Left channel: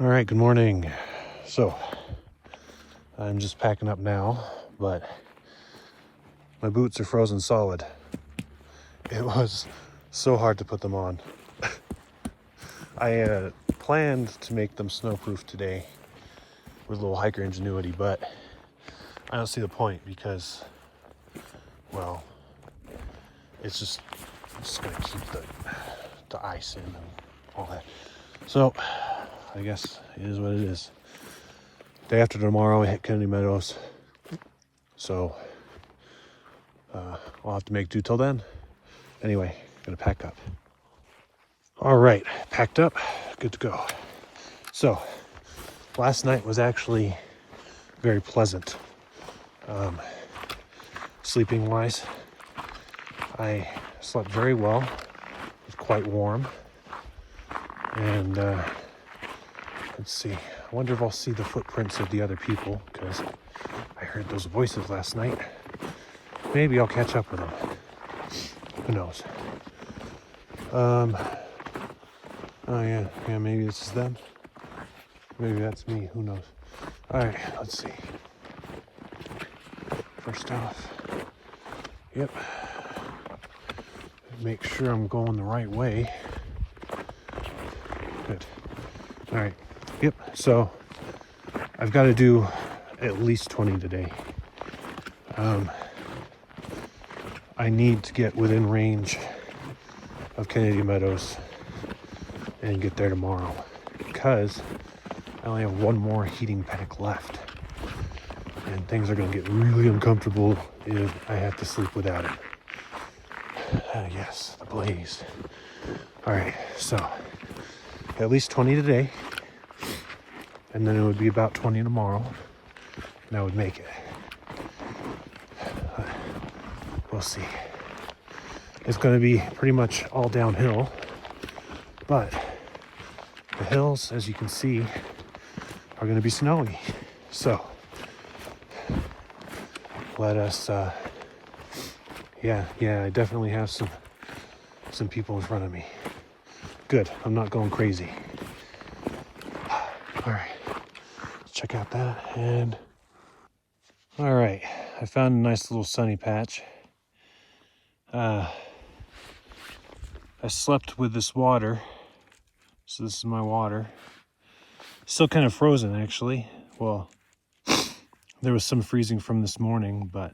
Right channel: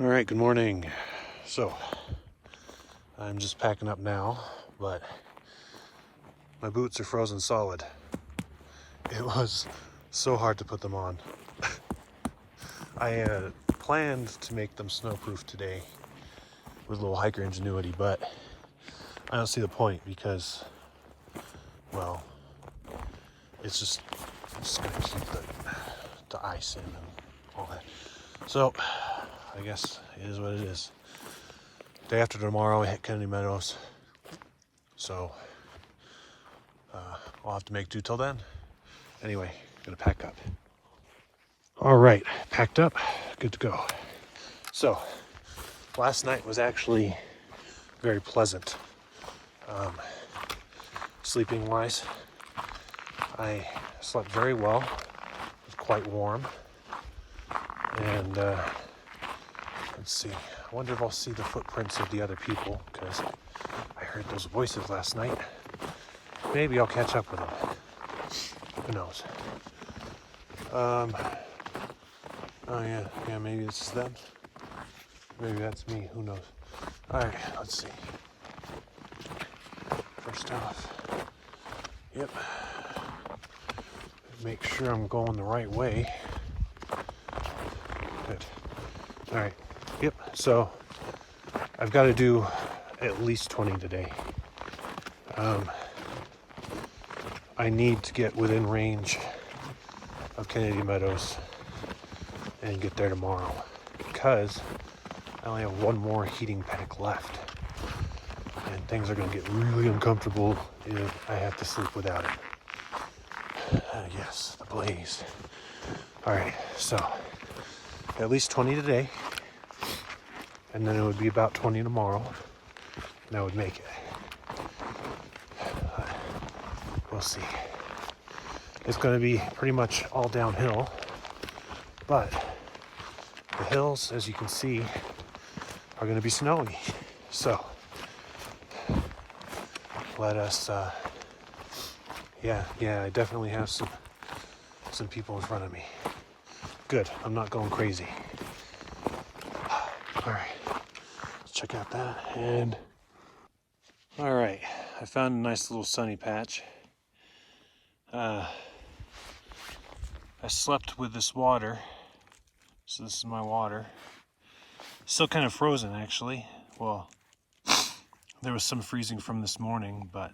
All right, good morning. So I'm just packing up now, but my boots are frozen solid. It was so hard to put them on. I planned to make them snowproof today with a little hiker ingenuity, but I don't see the point because, well, it's just gonna keep the ice in and all that. So I guess it is what it is. Day after tomorrow, we hit Kennedy Meadows. So I'll have to make do till then. Anyway, gonna pack up. All right, packed up, good to go. So last night was actually very pleasant. Sleeping wise, I slept very well. It was quite warm. And let's see, I wonder if I'll see the footprints of the other people because I heard those voices last night. Maybe I'll catch up with them. Who knows? Oh yeah, maybe this is them. Maybe that's me, who knows? All right, let's see. First off, yep. Make sure I'm going the right way. Good. All right, yep, so I've got to do at least 20 today. I need to get within range of Kennedy Meadows and get there tomorrow because I only have one more heating pack left and things are going to get really uncomfortable if I have to sleep without it. Yes, the blaze. All right, so at least 20 today, and then it would be about 20 tomorrow, and I would make it. We'll see. It's going to be pretty much all downhill, but the hills, as you can see, are going to be snowy. So let us, yeah, I definitely have some people in front of me. Good, I'm not going crazy. All right, let's check out that. And all right, I found a nice little sunny patch. I slept with this water, so this is my water. Still kind of frozen, actually. Well, there was some freezing from this morning, but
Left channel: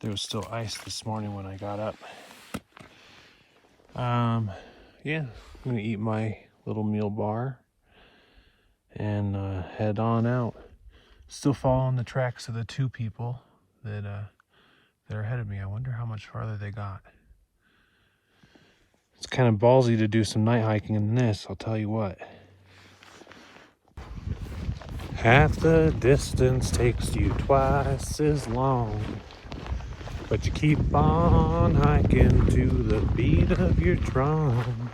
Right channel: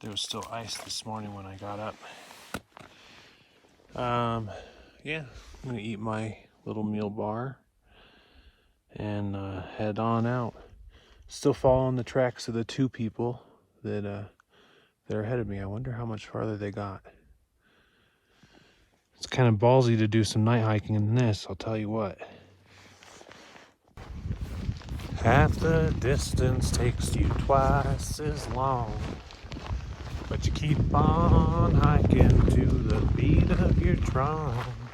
there was still ice this morning when I got up. Yeah, I'm gonna eat my little meal bar and head on out. Still following the tracks of the two people that are ahead of me. I wonder how much farther they got. It's kind of ballsy to do some night hiking in this, I'll tell you what. Half the distance takes you twice as long, but you keep on hiking to the beat of your drum.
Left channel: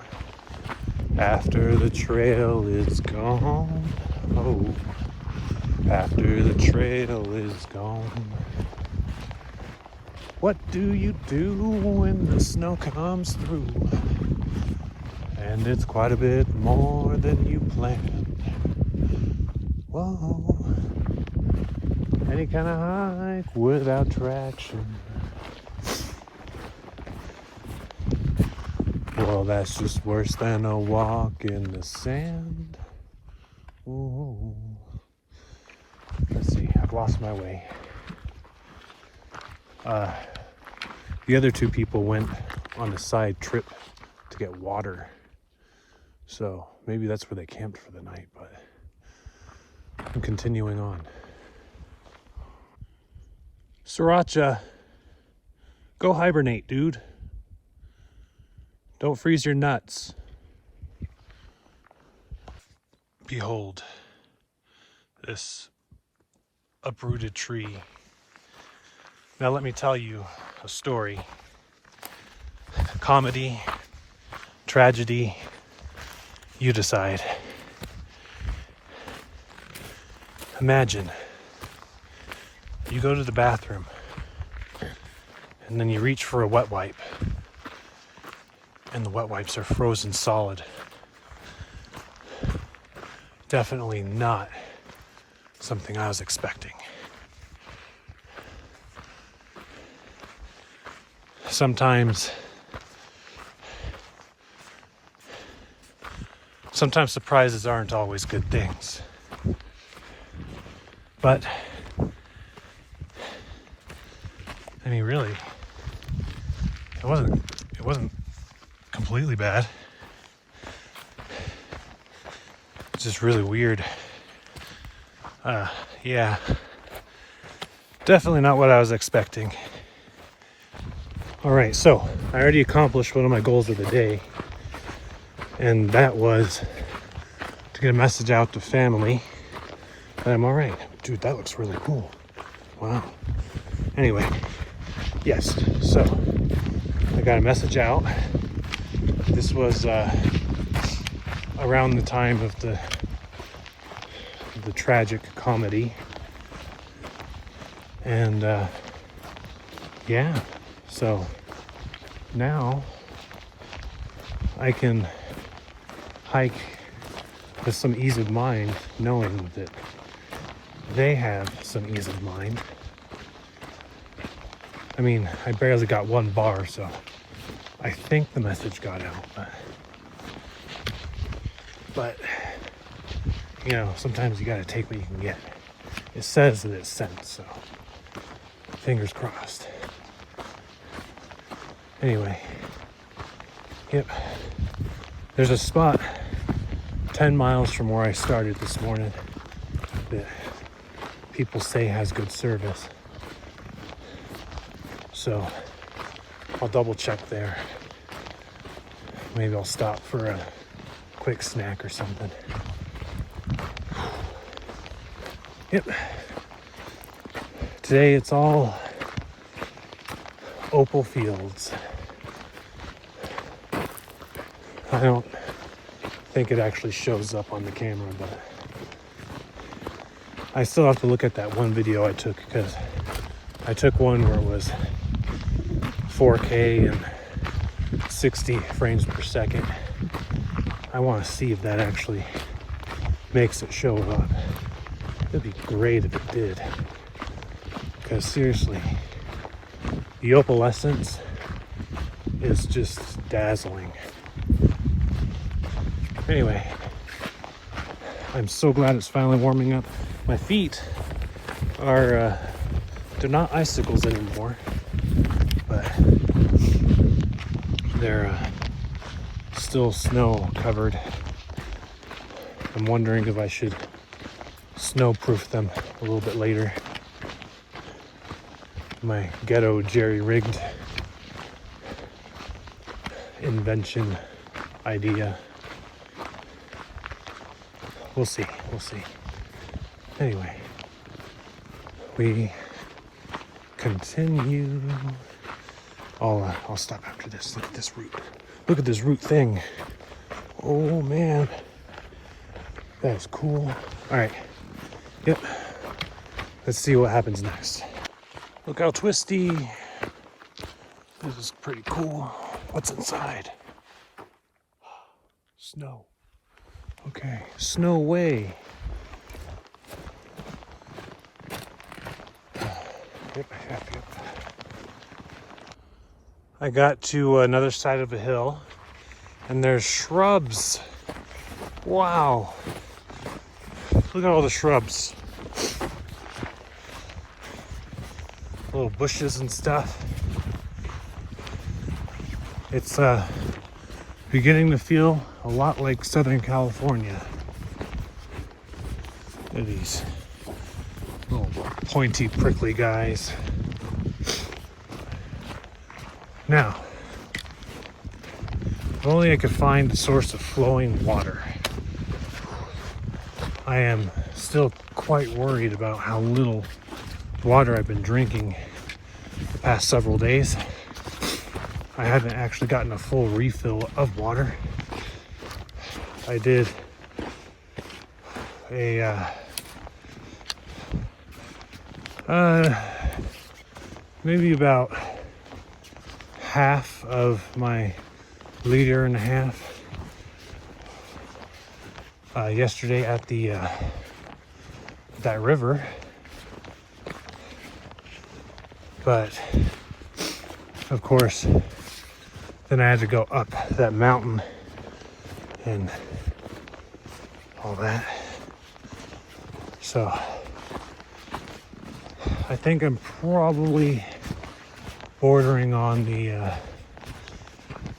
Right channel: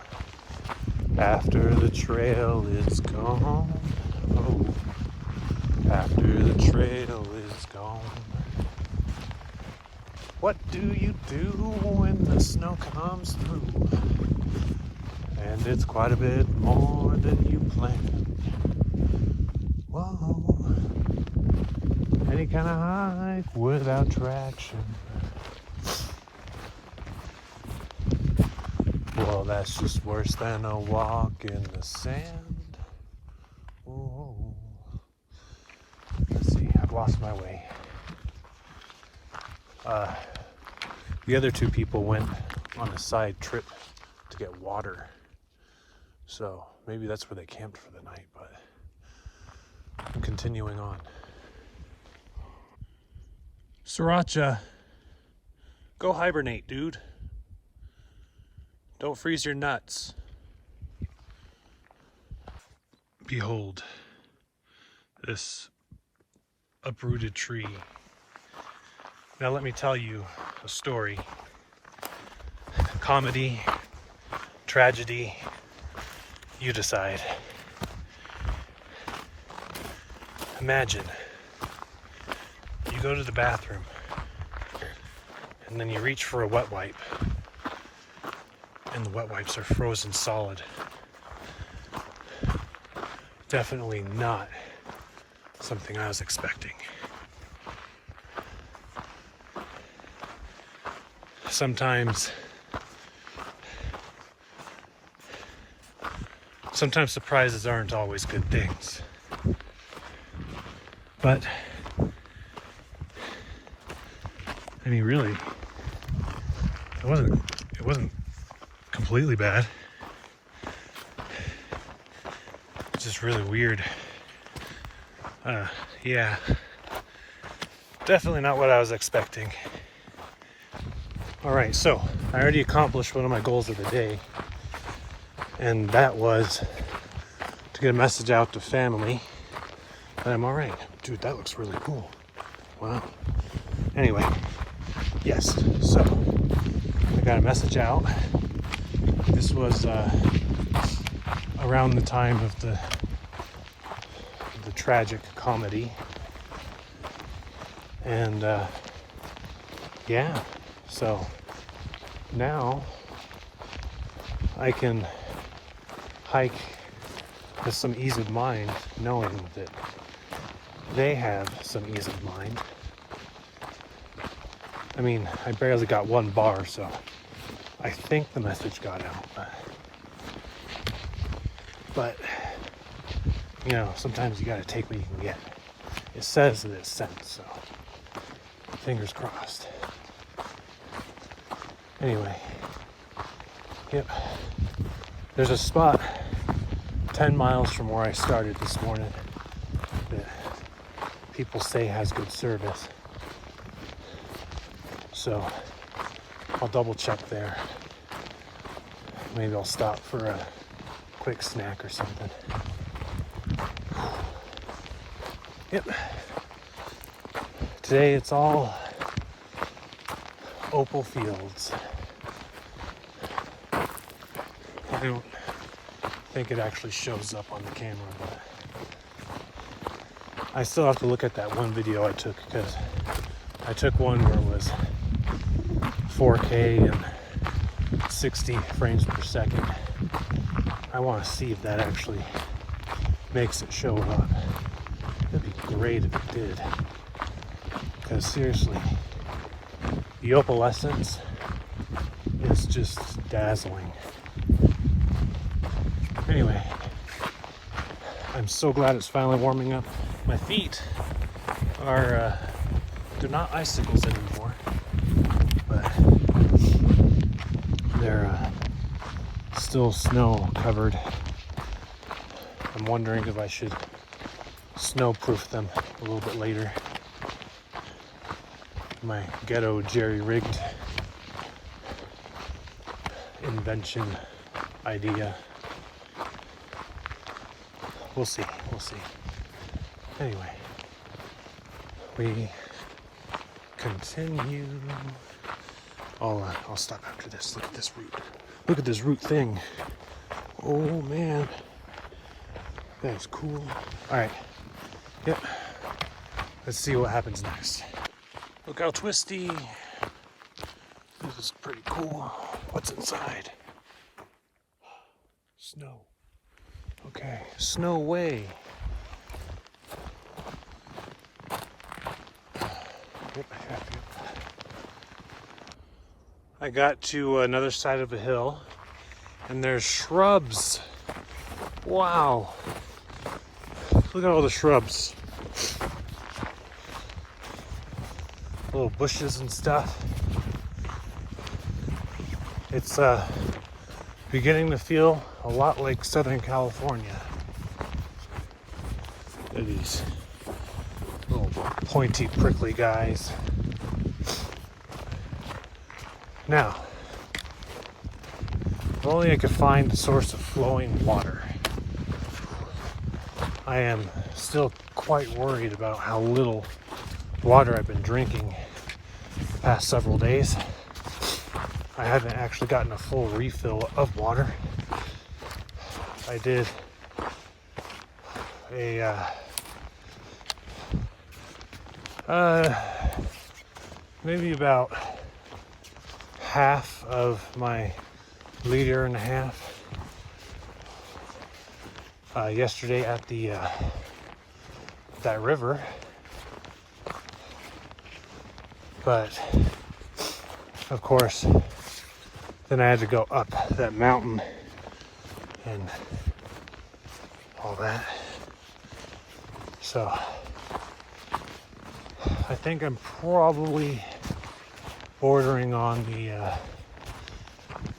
After the trail is gone, oh, after the trail is gone. What do you do when the snow comes through? And it's quite a bit more than you planned. Whoa, any kind of hike without traction. Well, that's just worse than a walk in the sand. Ooh. Let's see, I've lost my way. The other two people went on a side trip to get water. So maybe that's where they camped for the night, but I'm continuing on. Sriracha, go hibernate, dude. Don't freeze your nuts. Behold, this uprooted tree. Now let me tell you a story. Comedy, tragedy, you decide. Imagine you go to the bathroom and then you reach for a wet wipe and the wet wipes are frozen solid. definitely not something I was expecting. Sometimes surprises aren't always good things. But I mean, really, it wasn't completely bad. It's just really weird. Yeah, definitely not what I was expecting. All right, so I already accomplished one of my goals of the day, and that was to get a message out to family that I'm all right. Dude, that looks really cool. Wow. Anyway, yes, so I got a message out. This was around the time of the tragic comedy, and yeah, so now I can hike with some ease of mind, knowing that they have some ease of mind. I mean, I barely got one bar, so I think the message got out, but you know, sometimes you gotta take what you can get. It says that it's sent, so fingers crossed. Anyway, yep, there's a spot 10 miles from where I started this morning that people say has good service. So I'll double check there. Maybe I'll stop for a quick snack or something. Yep. Today it's all opal fields. I don't think it actually shows up on the camera, but I still have to look at that one video I took, because I took one where it was 4K and 60 frames per second. I want to see if that actually makes it show up. It'd be great if it did, because seriously, the opalescence is just dazzling. Anyway, I'm so glad it's finally warming up. My feet are they're not icicles anymore, but they're still snow covered. I'm wondering if I should snow-proof them a little bit later. My ghetto jerry-rigged invention idea. We'll see. Anyway, we continue. I'll stop after this. Look at this root. Look at this root thing. Oh man, that's cool. All right. Yep. Let's see what happens next. Look how twisty. This is pretty cool. What's inside? Snow. Okay, snow way. Yep. I got to another side of a hill, and there's shrubs. Wow. Look at all the shrubs. Little bushes and stuff. It's beginning to feel a lot like Southern California. Look at these little pointy, prickly guys. Now, if only I could find a source of flowing water. I am still quite worried about how little water I've been drinking the past several days. I haven't actually gotten a full refill of water. I did a maybe about half of my liter and a half yesterday at the that river, but of course then I had to go up that mountain and all that. So I think I'm probably bordering on the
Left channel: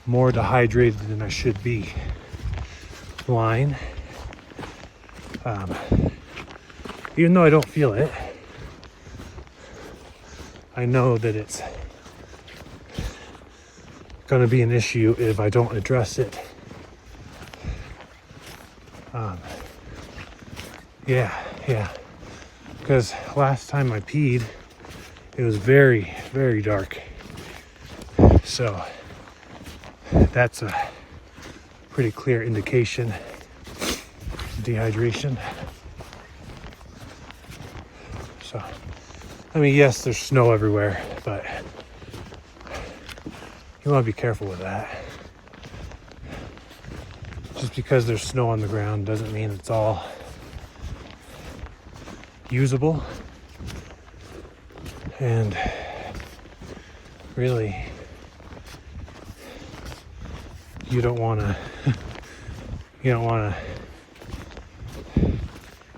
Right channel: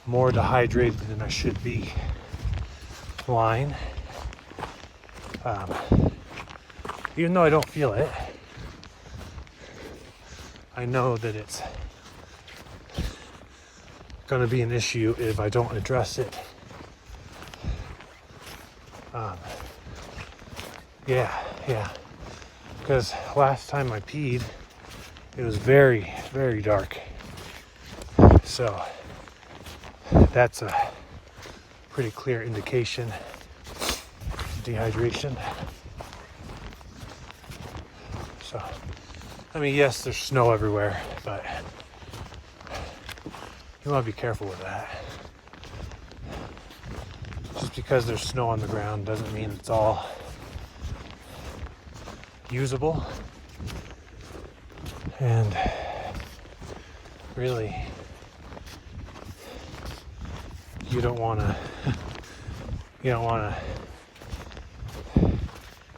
more dehydrated than I should be line. Even though I don't feel it, I know that it's going to be an issue if I don't address it. Yeah. Because last time I peed, it was very, very dark. So that's a pretty clear indication of dehydration. So, I mean, yes, there's snow everywhere, but you want to be careful with that. Just because there's snow on the ground doesn't mean it's all usable. And really, you don't want to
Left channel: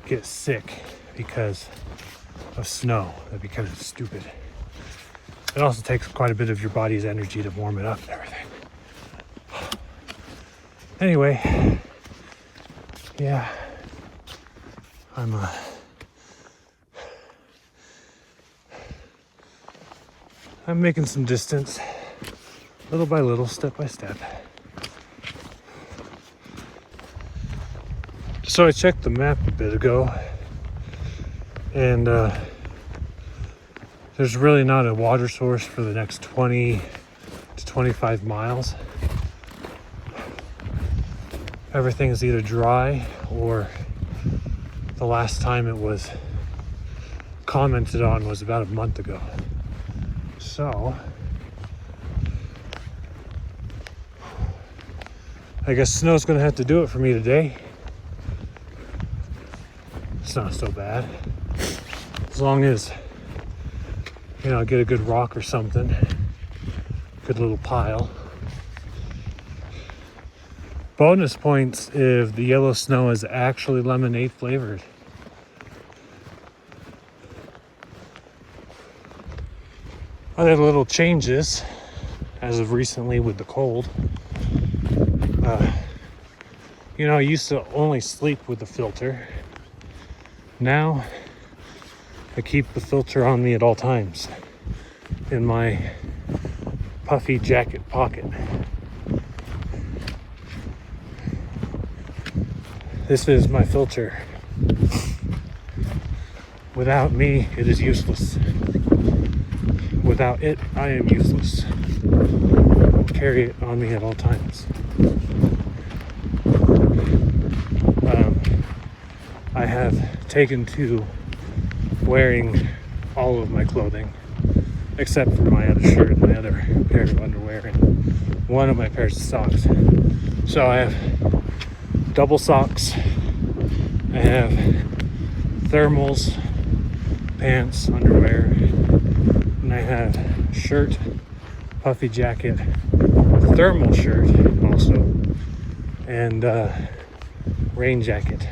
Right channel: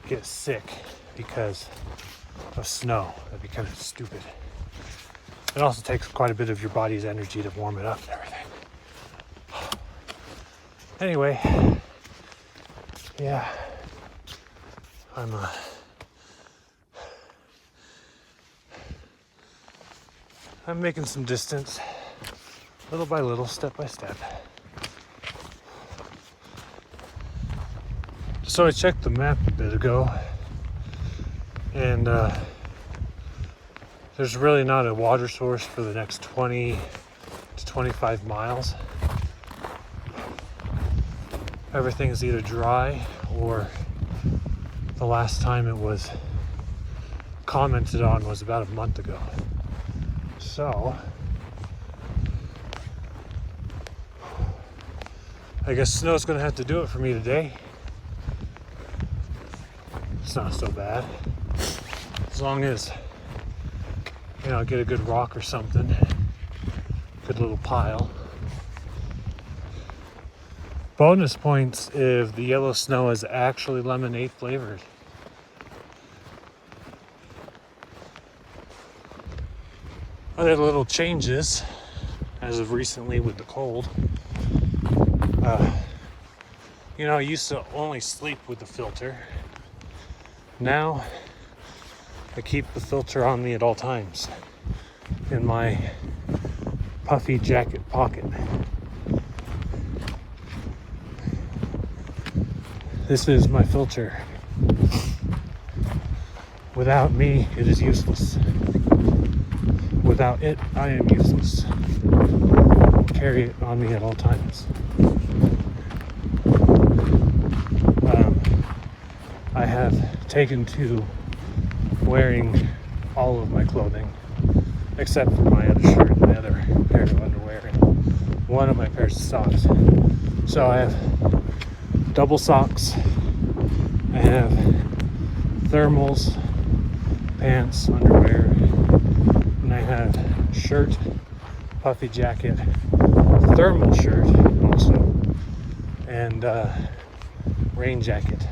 get sick because of snow. That'd be kind of stupid. It also takes quite a bit of your body's energy to warm it up and everything. Anyway, yeah, I'm making some distance, little by little, step by step. So I checked the map a bit ago, and there's really not a water source for the next 20 to 25 miles. Everything is either dry, or the last time it was commented on was about a month ago. So I guess snow's gonna have to do it for me today. It's not so bad. As long as, you know, I get a good rock or something, good little pile. Bonus points if the yellow snow is actually lemonade flavored. Other little changes as of recently with the cold. You know, I used to only sleep with the filter. Now I keep the filter on me at all times in my puffy jacket pocket. This is my filter. Without me, it is useless. Without it, I am useless. Carry it on me at all times. I have taken to wearing all of my clothing, except for my other shirt, my other pair of underwear, and one of my pairs of socks. So I have double socks, I have thermals, pants, underwear, and I have shirt, puffy jacket, thermal shirt also, and rain jacket.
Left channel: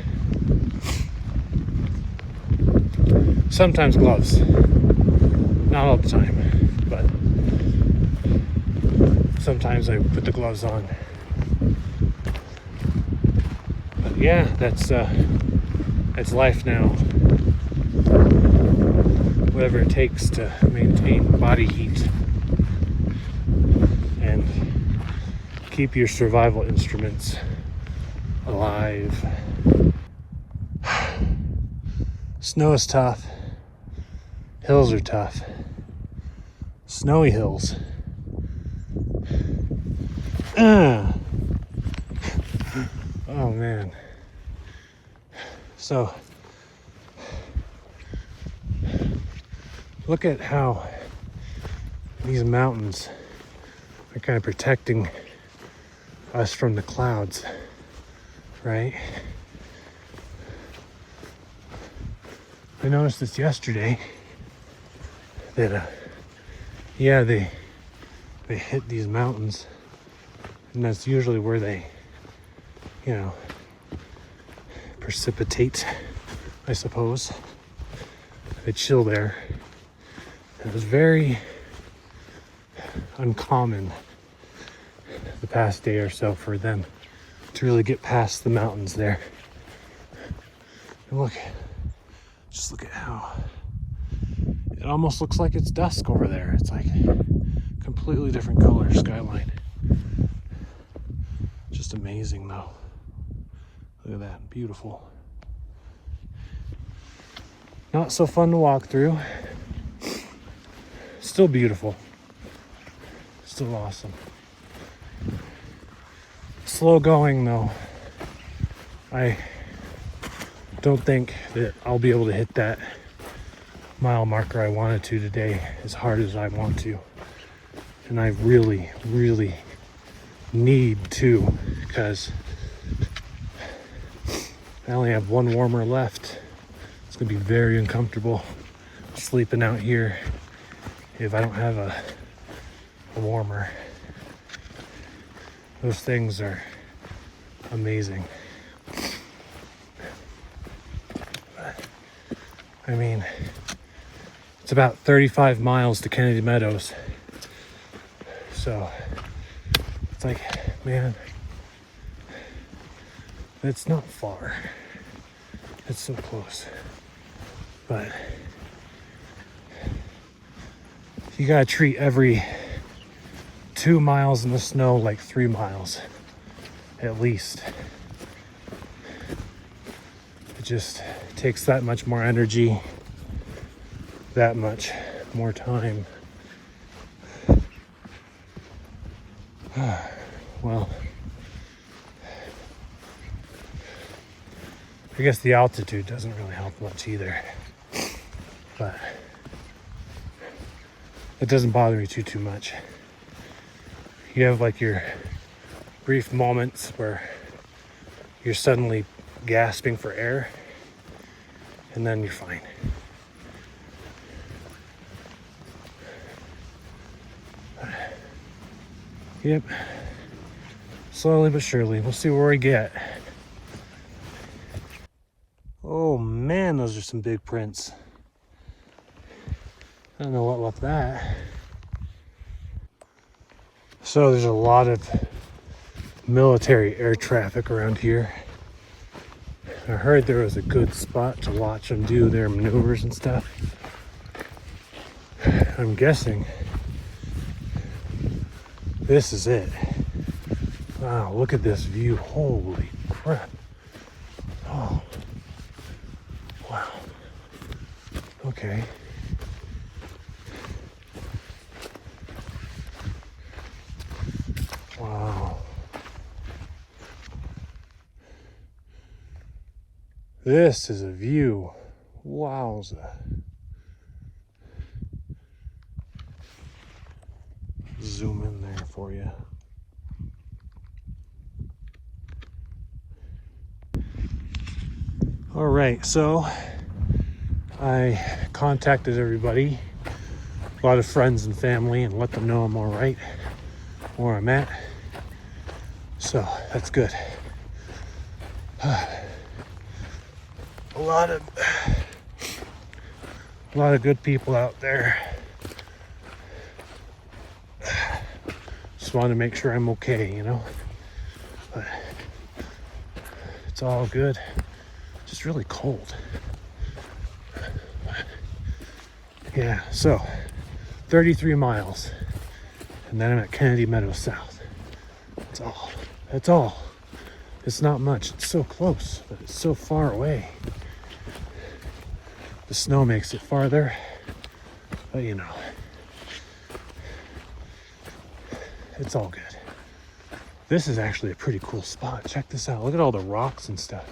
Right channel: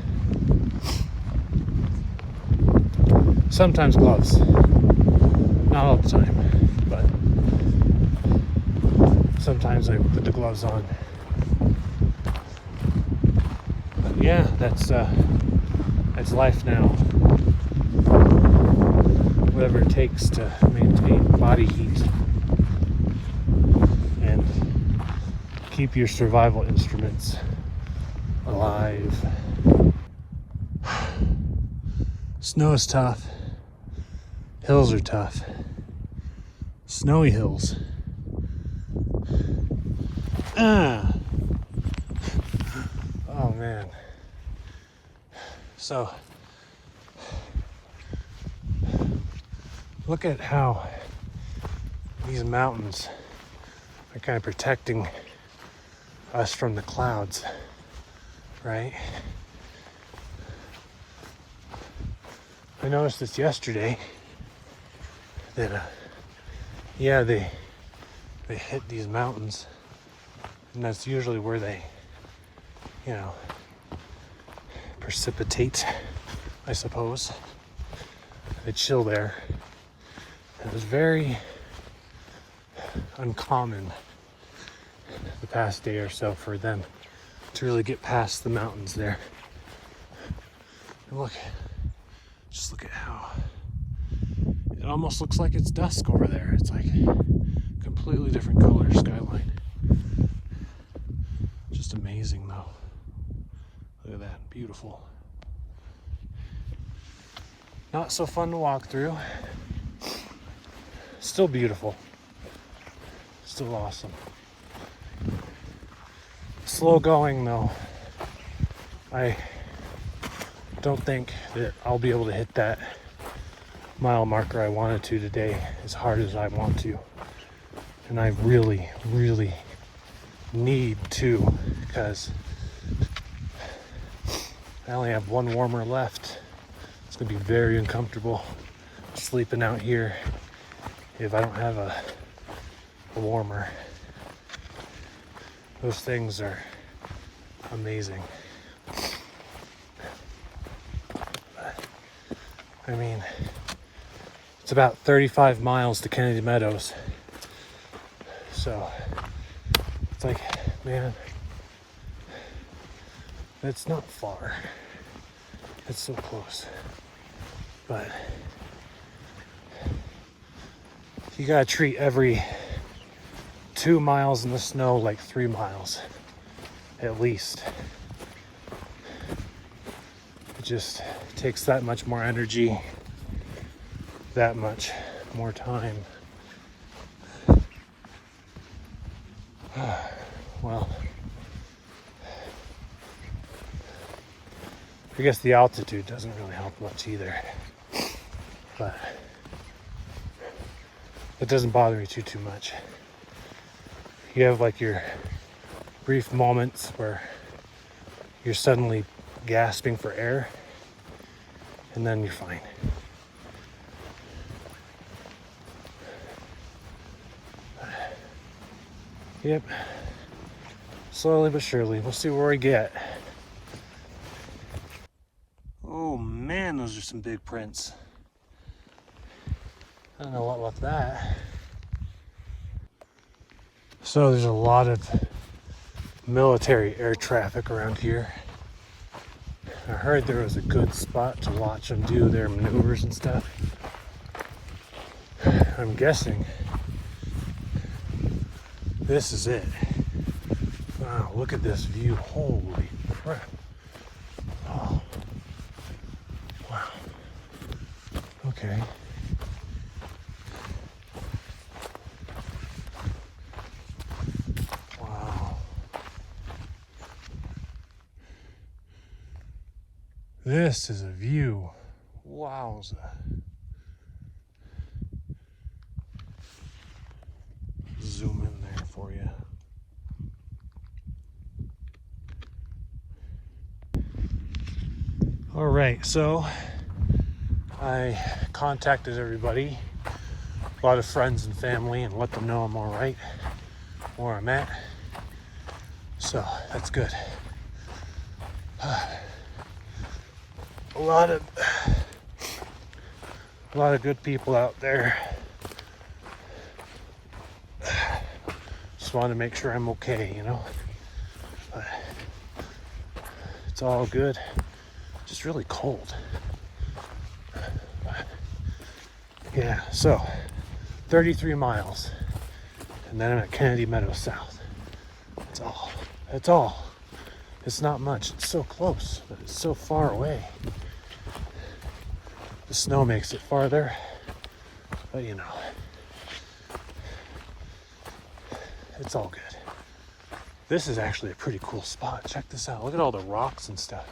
Sometimes gloves, not all the time, but sometimes I put the gloves on. But yeah, that's life now. Whatever it takes to maintain body heat and keep your survival instruments alive. Snow is tough. Hills are tough. Snowy hills. Oh man. So look at how these mountains are kind of protecting us from the clouds, right? I noticed this yesterday that yeah, they hit these mountains, and that's usually where they, you know, precipitate, I suppose. They chill there. It was very uncommon the past day or so for them to really get past the mountains there. And look, just look at how it almost looks like it's dusk over there. It's like completely different color skyline. Just amazing though. Look at that, beautiful. Not so fun to walk through. Still beautiful. Still awesome. Slow going though. I don't think that I'll be able to hit that mile marker I wanted to today as hard as I want to. And I really, really need to, because I only have one warmer left. It's gonna be very uncomfortable sleeping out here if I don't have a warmer. Those things are amazing. I mean, it's about 35 miles to Kennedy Meadows. So it's like, man, it's not far. It's so close. But you gotta treat every 2 miles in the snow like 3 miles, at least. It just takes that much more energy, that much more time. Well, I guess the altitude doesn't really help much either, but it doesn't bother me too much. You have like your brief moments where you're suddenly gasping for air, and then you're fine. Yep. Slowly but surely, we'll see where we get. Oh man, those are some big prints. I don't know what left that. So there's a lot of military air traffic around here. I heard there was a good spot to watch them do their maneuvers and stuff. I'm guessing this is it. Wow, look at this view. Holy crap. Oh, wow. Okay. Wow. This is a view. Wowza. Zoom in there for you. All right, so I contacted everybody, a lot of friends and family, and let them know I'm all right, where I'm at. So that's good. A lot of good people out there. Just want to make sure I'm okay, you know. But it's all good. Just really cold. Yeah, so 33 miles, and then I'm at Kennedy Meadows South. That's all. That's all. It's not much. It's so close, but it's so far away. The snow makes it farther, but you know, it's all good. This is actually a pretty cool spot. Check this out. Look at all the rocks and stuff.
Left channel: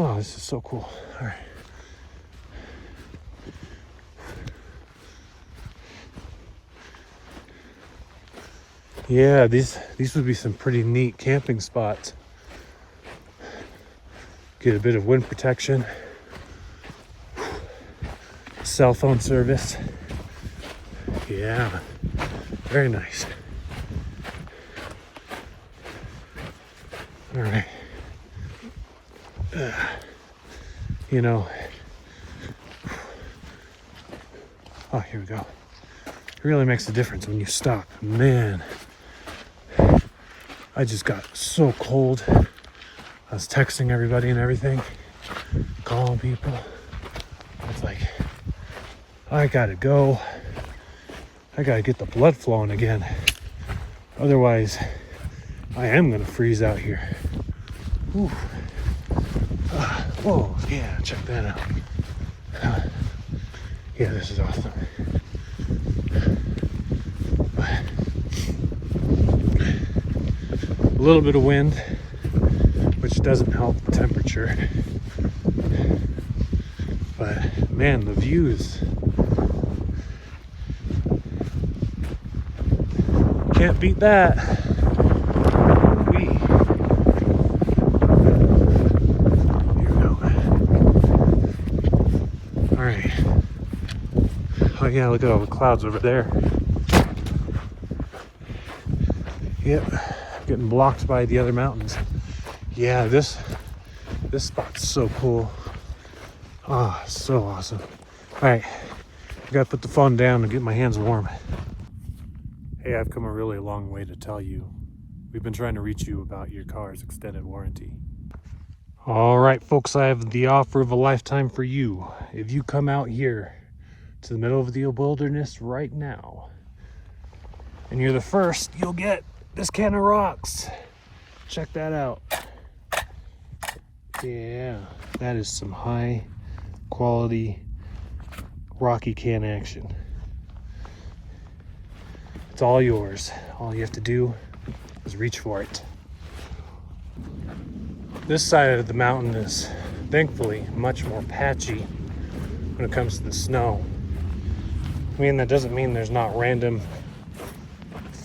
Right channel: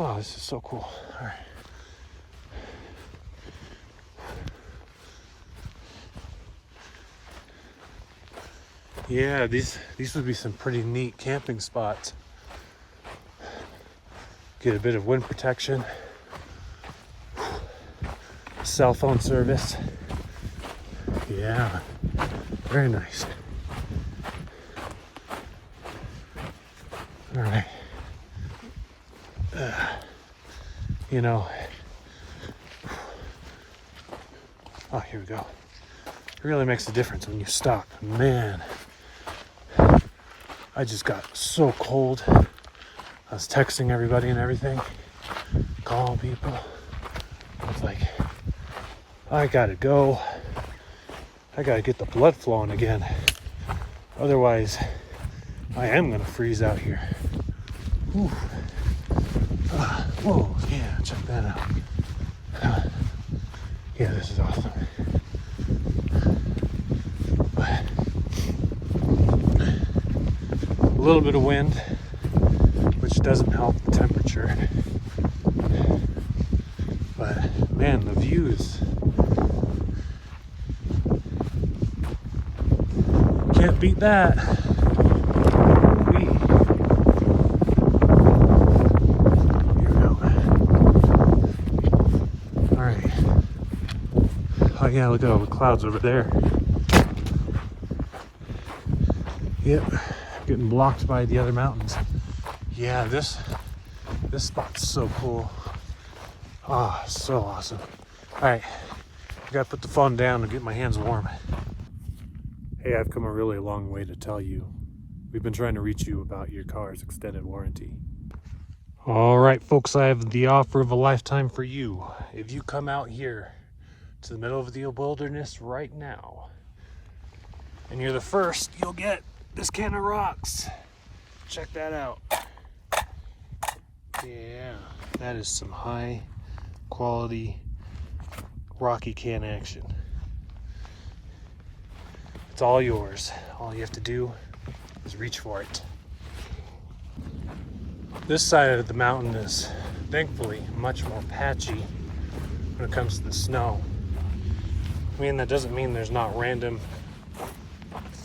Oh, this is so cool. All right. Yeah, these would be some pretty neat camping spots. Get a bit of wind protection cell phone service. Yeah, very nice. All right. You know, oh, here we go. It really makes a difference when you stop. Man, I just got so cold. I was texting everybody and everything, calling people. It's like, I gotta go. I gotta get the blood flowing again. Otherwise, I am gonna freeze out here. Whew. Whoa, yeah, check that out. Yeah, this is awesome. But a little bit of wind, which doesn't help the temperature. But man, the views. Can't beat that. Oh yeah, look at all the clouds over there. Yep, getting blocked by the other mountains. Yeah, this spot's so cool. Oh, so awesome. All right, I gotta put the phone down and get my hands warm. Hey, I've come a really long way to tell you. We've been trying to reach you about your car's extended warranty. All right, folks, I have the offer of a lifetime for you. If you come out here to the middle of the wilderness right now, and you're the first, you'll get this can of rocks. Check that out. Yeah, that is some high quality rocky can action. It's all yours. All you have to do is reach for it. This side of the mountain is thankfully much more patchy when it comes to the snow. I mean, that doesn't mean there's not random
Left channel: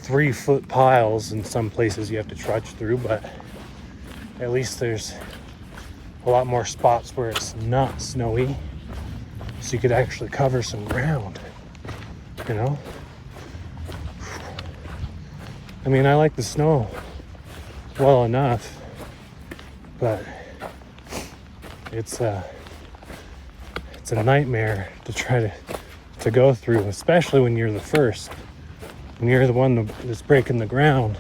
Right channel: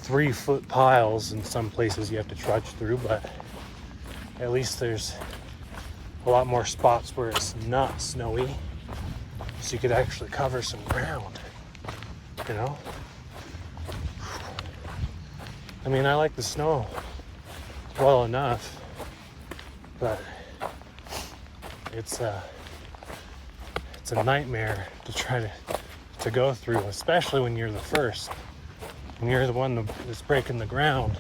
3-foot piles in some places you have to trudge through, but at least there's a lot more spots where it's not snowy, so you could actually cover some ground, you know? I mean, I like the snow well enough, but it's a nightmare to try to go through, especially when you're the first. When you're the one that's breaking the ground.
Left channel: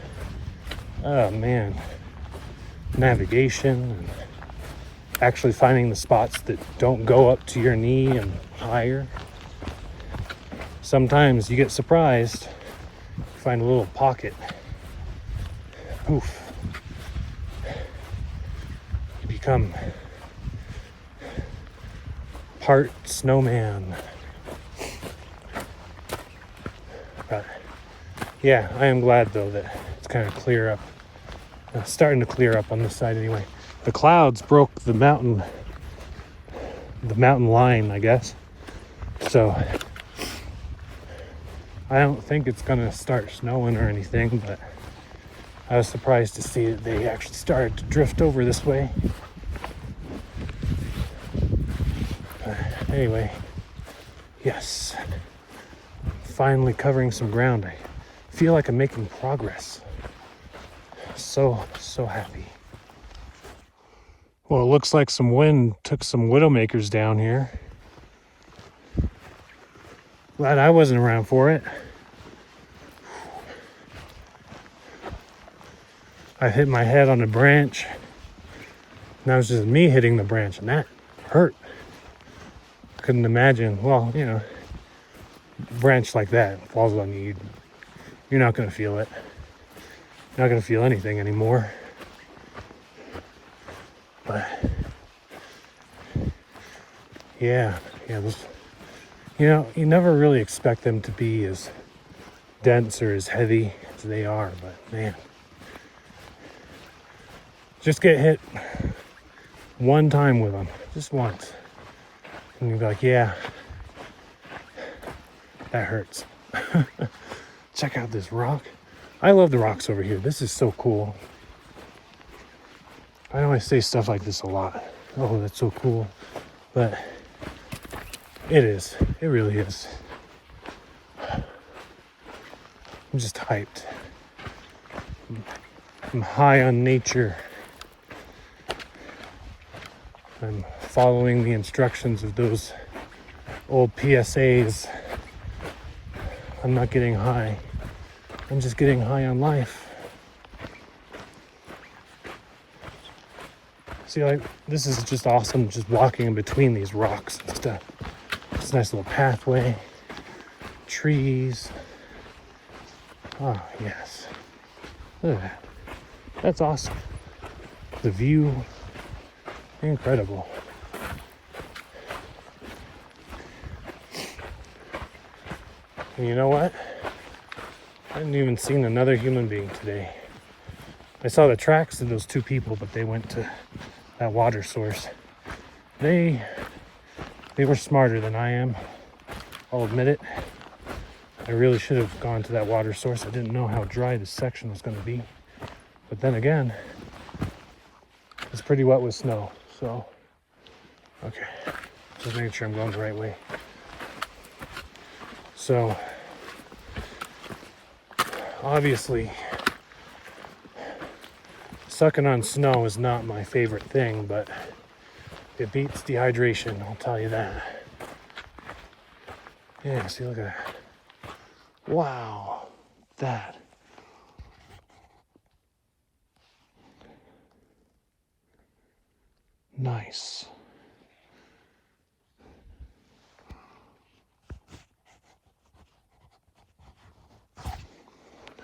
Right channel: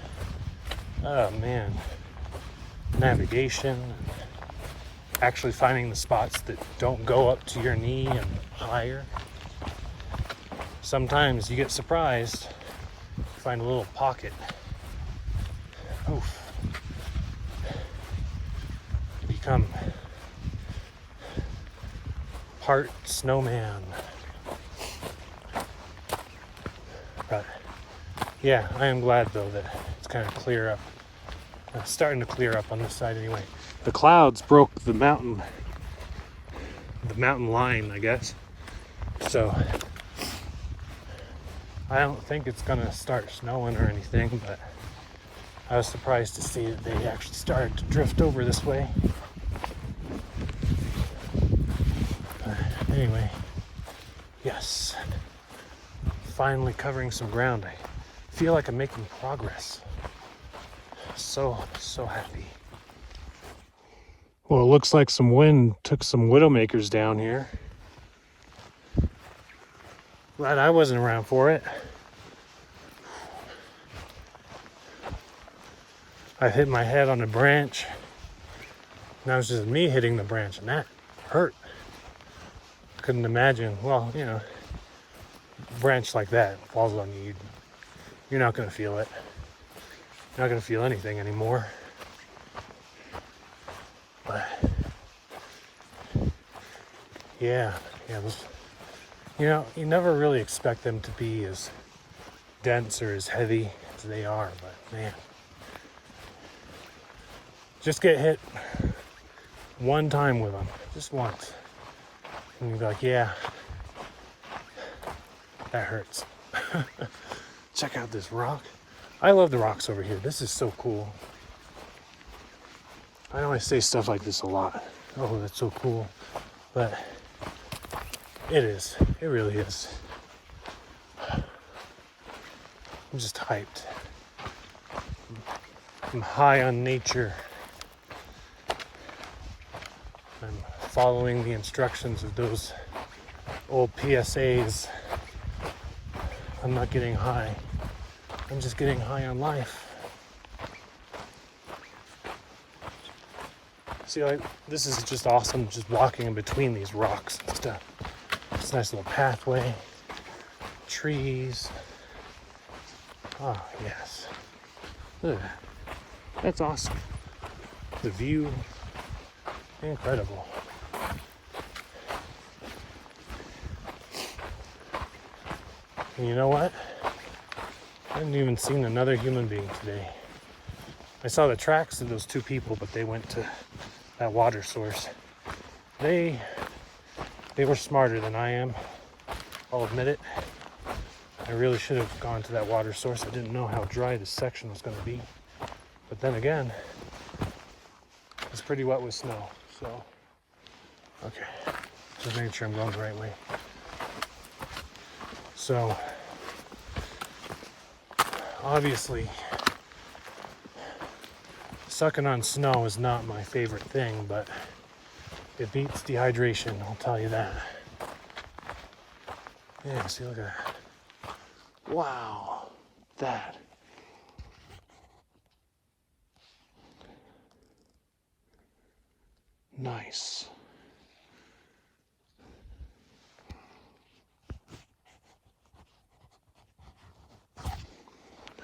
Oh man. Navigation, and actually finding the spots that don't go up to your knee and higher. Sometimes you get surprised, find a little pocket. Oof. You become part snowman. But yeah, I am glad though that it's kind of clear up. Starting to clear up on this side anyway. The clouds broke the mountain line, I guess. So I don't think it's gonna start snowing or anything, but I was surprised to see that they actually started to drift over this way. Anyway, yes, finally covering some ground. I feel like I'm making progress. So happy. Well, it looks like some wind took some widowmakers down here. Glad I wasn't around for it. I hit my head on a branch. Now it's just me hitting the branch, and that hurt. Couldn't imagine. Well, you know, branch like that falls on you, you're not gonna feel it. You're not gonna feel anything anymore. But yeah, those, you know, you never really expect them to be as dense or as heavy as they are, but man, just get hit one time with them, just once, and you'll be like, yeah, that hurts. Check out this rock. I love the rocks over here. This is so cool. I always say stuff like this a lot. Oh, that's so cool. But It is. It really is. I'm just hyped. I'm high on nature. I'm following the instructions of those old PSAs. I'm not getting high. I'm just getting high on life. See, this is just awesome, just walking in between these rocks and stuff. It's a nice little pathway, trees. Oh, yes. Look at that. That's awesome. The view, incredible. And you know what? I haven't even seen another human being today. I saw the tracks of those 2 people, but they went to that water source. They were smarter than I am. I'll admit it. I really should have gone to that water source. I didn't know how dry this section was going to be. But then again, it's pretty wet with snow. So, okay. Just making sure I'm going the right way. So, obviously, sucking on snow is not my favorite thing, but it beats dehydration, I'll tell you that. Yeah, see, look at that. Wow, that. Nice.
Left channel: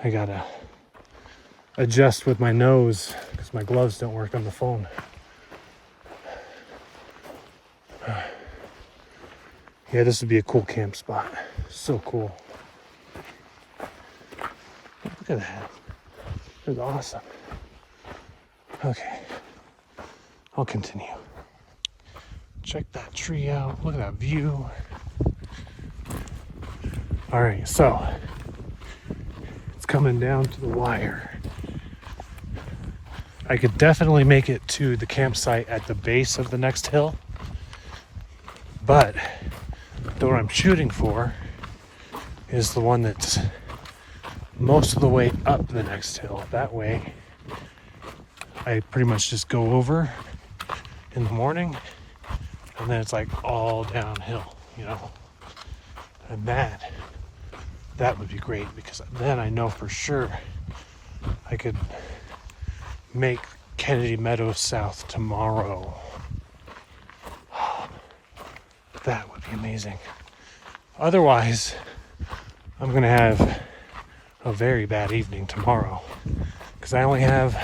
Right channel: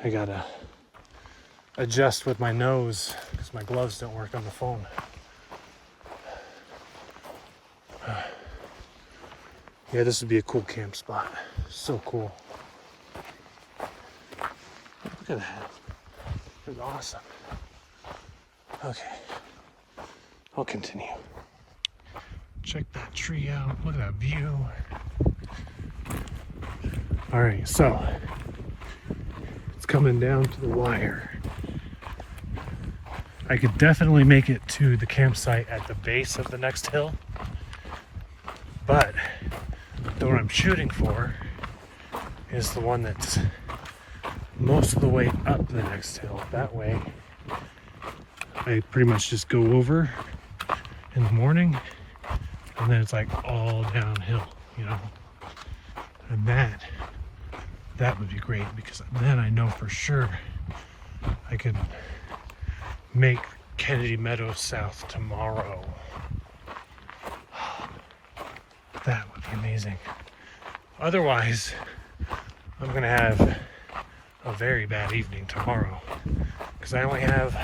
I gotta adjust with my nose because my gloves don't work on the phone. Yeah, this would be a cool camp spot. So cool. Look at that. It's awesome. Okay. I'll continue. Check that tree out. Look at that view. All right, so it's coming down to the wire. I could definitely make it to the campsite at the base of the next hill, but the one I'm shooting for is the one that's most of the way up the next hill. That way, I pretty much just go over in the morning, and then it's like all downhill, you know. And that would be great, because then I know for sure I could make Kennedy Meadows South tomorrow. That would be amazing. Otherwise, I'm gonna have a very bad evening tomorrow, because I only have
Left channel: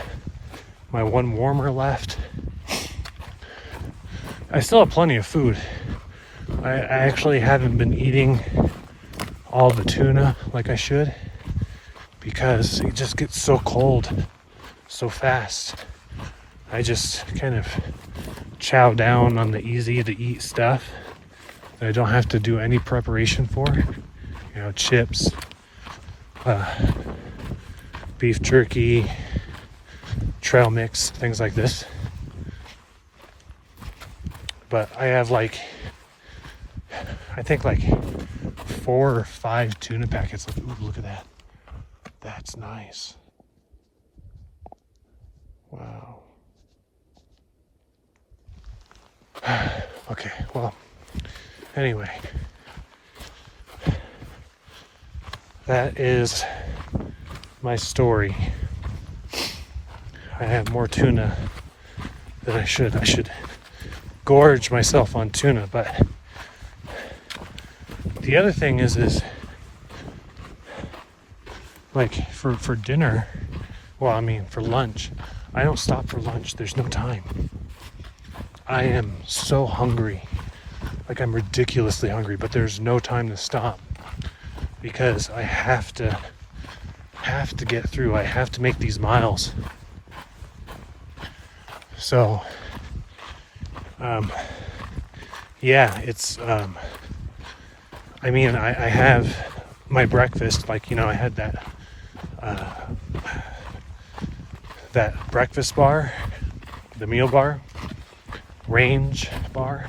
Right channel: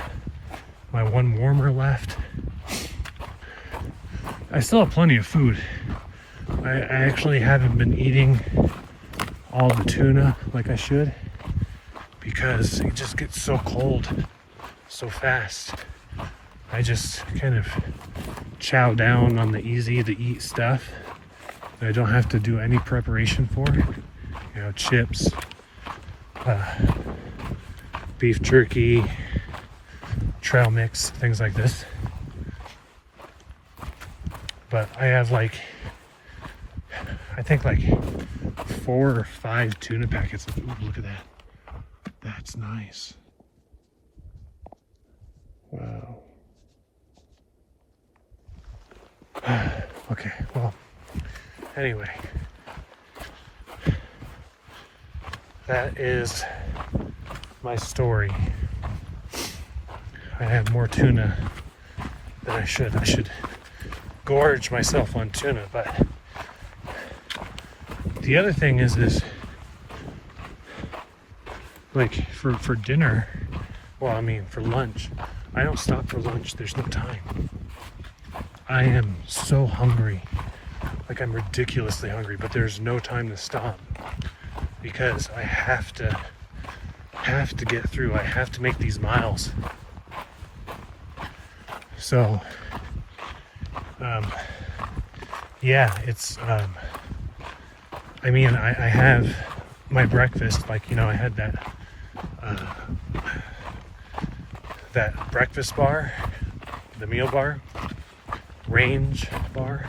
my one warmer left. I still have plenty of food. I actually haven't been eating all the tuna like I should, because it just gets so cold so fast. I just kind of chow down on the easy to eat stuff that I don't have to do any preparation for. You know, chips, beef jerky, trail mix, things like this. But I have I think 4 or 5 tuna packets. Ooh, look at that. That's nice. Wow. Okay, well, anyway. That is my story. I have more tuna than I should. I should gorge myself on tuna, but the other thing is for dinner, for lunch, I don't stop for lunch. There's no time. I am so hungry. I'm ridiculously hungry, but there's no time to stop, because I have to get through. I have to make these miles. So, yeah, it's, I have my breakfast, I had that breakfast bar, the meal bar, range bar.